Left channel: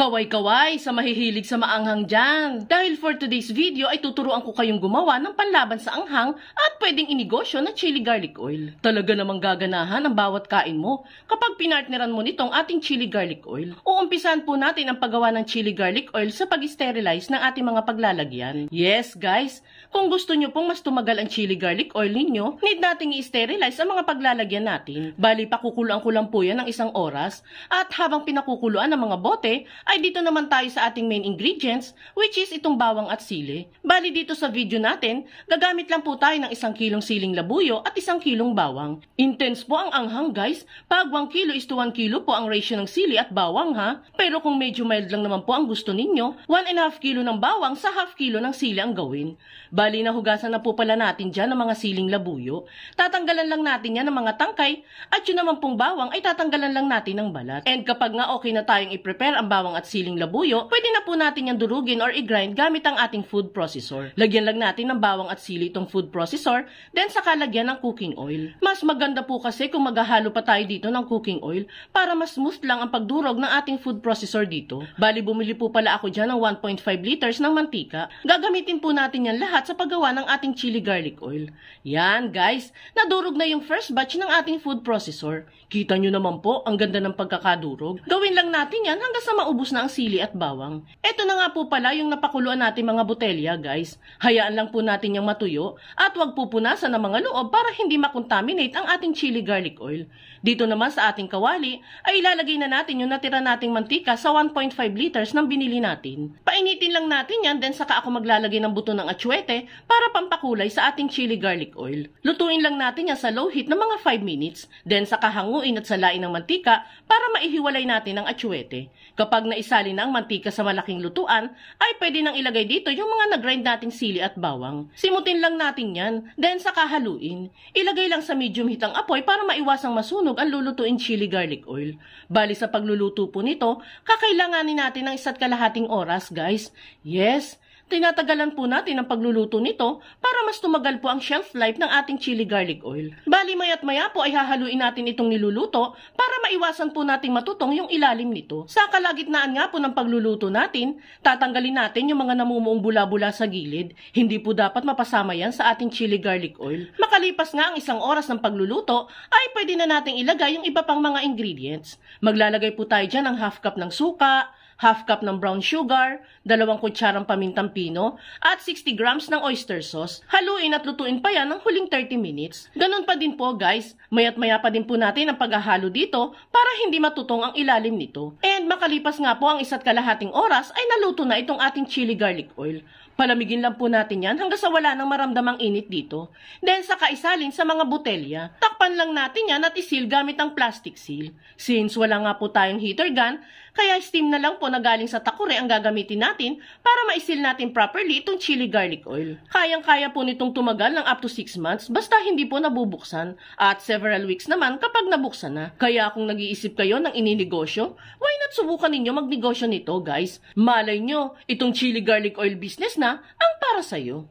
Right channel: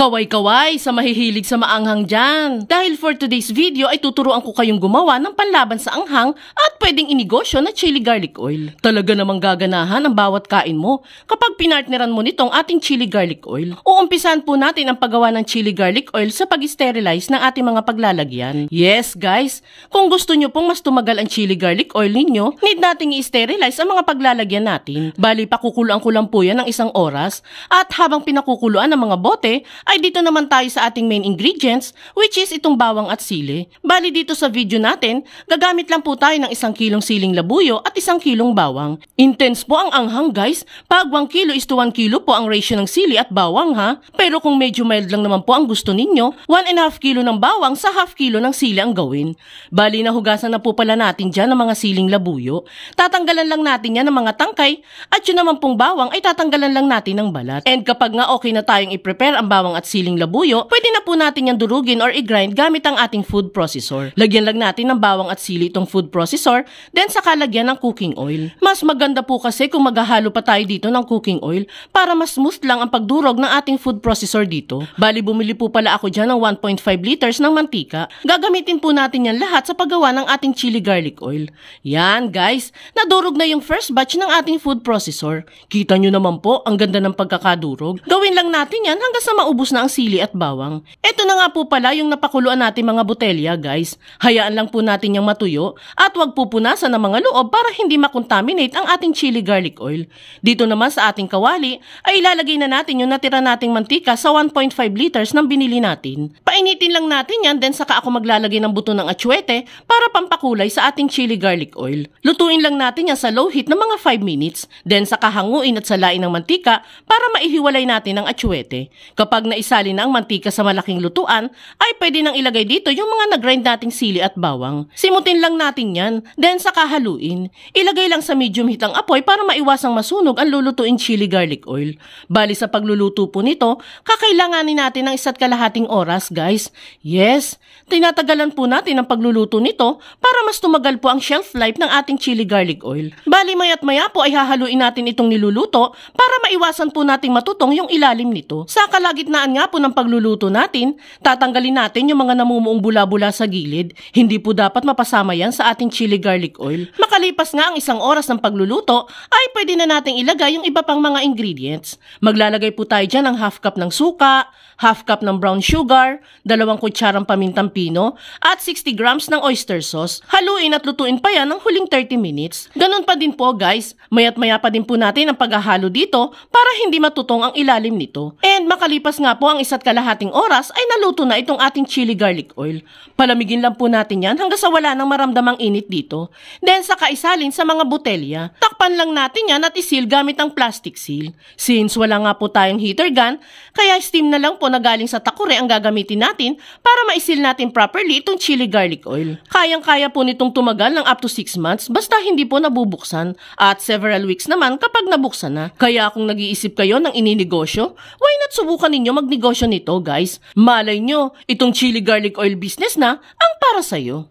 Kaway-kaway sa mahihilig sa maanghang dyan. Dahil for today's video ay tuturuan ko kayong gumawa ng panlaban sa anghang at pwedeng inegosyo na chili garlic oil. Talaga namang gaganahan ang bawat kain mo kapag pinartneran mo nitong ating chili garlic oil. Uumpisahan po natin ang paggawa ng chili garlic oil sa pag-sterilize ng ating mga paglalagyan. Yes guys, kung gusto nyo pong mas tumagal ang chili garlic oil ninyo, need nating i-sterilize ang mga paglalagyan natin. Bali, pakukuluan ko lang po yan ng 1 oras at habang pinakukuluan ng mga bote, ay dito naman tayo sa ating main ingredients which is itong bawang at sili. Bali dito sa video natin, gagamit lang po tayo ng 1 kilong siling labuyo at 1 kilong bawang. Intense po ang anghang guys, pag 1 kilo is to 1 kilo po ang ratio ng sili at bawang ha. Pero kung medyo mild lang naman po ang gusto ninyo, 1.5 kilo ng bawang sa half kilo ng sili ang gawin. Bali nahugasan na po pala natin dyan ng mga siling labuyo. Tatanggalan lang natin yan ng mga tangkay at yun naman pong bawang ay tatanggalan lang natin ng balat. And kapag nga okay na tayong i-prepare ang bawang at siling labuyo, pwede na po natin yan durugin or i-grind gamit ang ating food processor. Lagyan lang natin ng bawang at sili itong food processor, then saka lagyan ng cooking oil. Mas maganda po kasi kung maghahalo pa tayo dito ng cooking oil para mas smooth lang ang pagdurog ng ating food processor dito. Bali bumili po pala ako dyan ng 1.5 liters ng mantika. Gagamitin po natin yan lahat sa paggawa ng ating chili garlic oil. Yan guys, nadurog na yung first batch ng ating food processor. Kita nyo naman po, ang ganda ng pagkakadurog. Gawin lang natin yan hanggang sa maubos na ang sili at bawang. Ito na nga po pala yung napakuluan natin mga botelya guys. Hayaan lang po natin yung matuyo at wag pupunasan ng mga loob para hindi makontaminate ang ating chili garlic oil. Dito naman sa ating kawali ay ilalagay na natin yung natira nating mantika sa 1.5 liters ng binili natin. Painitin lang natin yan then saka ako maglalagay ng buto ng atsuete para pampakulay sa ating chili garlic oil. Lutuin lang natin yan sa low heat ng mga 5 minutes then saka hanguin at salain ng mantika para maihiwalay natin ang atsuete. Kapag naisali na ang mantika sa malaking lutuan, ay pwede nang ilagay dito yung mga nag-grind nating sili at bawang. Simutin lang natin yan, then saka haluin. Ilagay lang sa medium heat ang apoy para maiwasang masunog ang lulutuin chili garlic oil. Bali sa pagluluto po nito, kakailanganin natin ng 1.5 oras guys. Yes, tinatagalan po natin ang pagluluto nito para mas tumagal po ang shelf life ng ating chili garlic oil. Bali maya't maya po ay hahaluin natin itong niluluto para maiwasan po nating matutong yung ilalim nito. Sa kalagitnaan nga po ng pagluluto natin, tatanggalin natin yung mga namumuong bula-bula sa gilid. Hindi po dapat mapasama yan sa ating chili garlic oil. Makalipas nga ang 1 oras ng pagluluto, ay pwede na nating ilagay yung iba pang mga ingredients. Maglalagay po tayo dyan ng half cup ng suka, half cup ng brown sugar, 2 kutsarang pamintang pino, at 60 grams ng oyster sauce. Haluin at lutuin pa yan ng huling 30 minutes. Ganon pa din po guys, maya't maya pa din po natin ang paghahalo dito para hindi matutong ang ilalim nito. And makalipas nga po ang 1.5 oras ay naluto na itong ating chili garlic oil. Palamigin lang po natin yan hanggang sa wala nang maramdamang init dito. Then saka isalin sa mga botelya. Takpan lang natin yan at isil gamit ang plastic seal. Since wala nga po tayong heater gun, kaya steam na lang po na galing sa takure ang gagamitin natin para maisil natin properly itong chili garlic oil. Kayang-kaya po nitong tumagal ng up to 6 months basta hindi po nabubuksan at several weeks naman kapag nabuksan na. Kaya kung nag-iisip kayo ng ininegosyo, why not subukan ninyo magnegosyo nito guys? Malay nyo, itong chili garlic oil business na ang para sa'yo.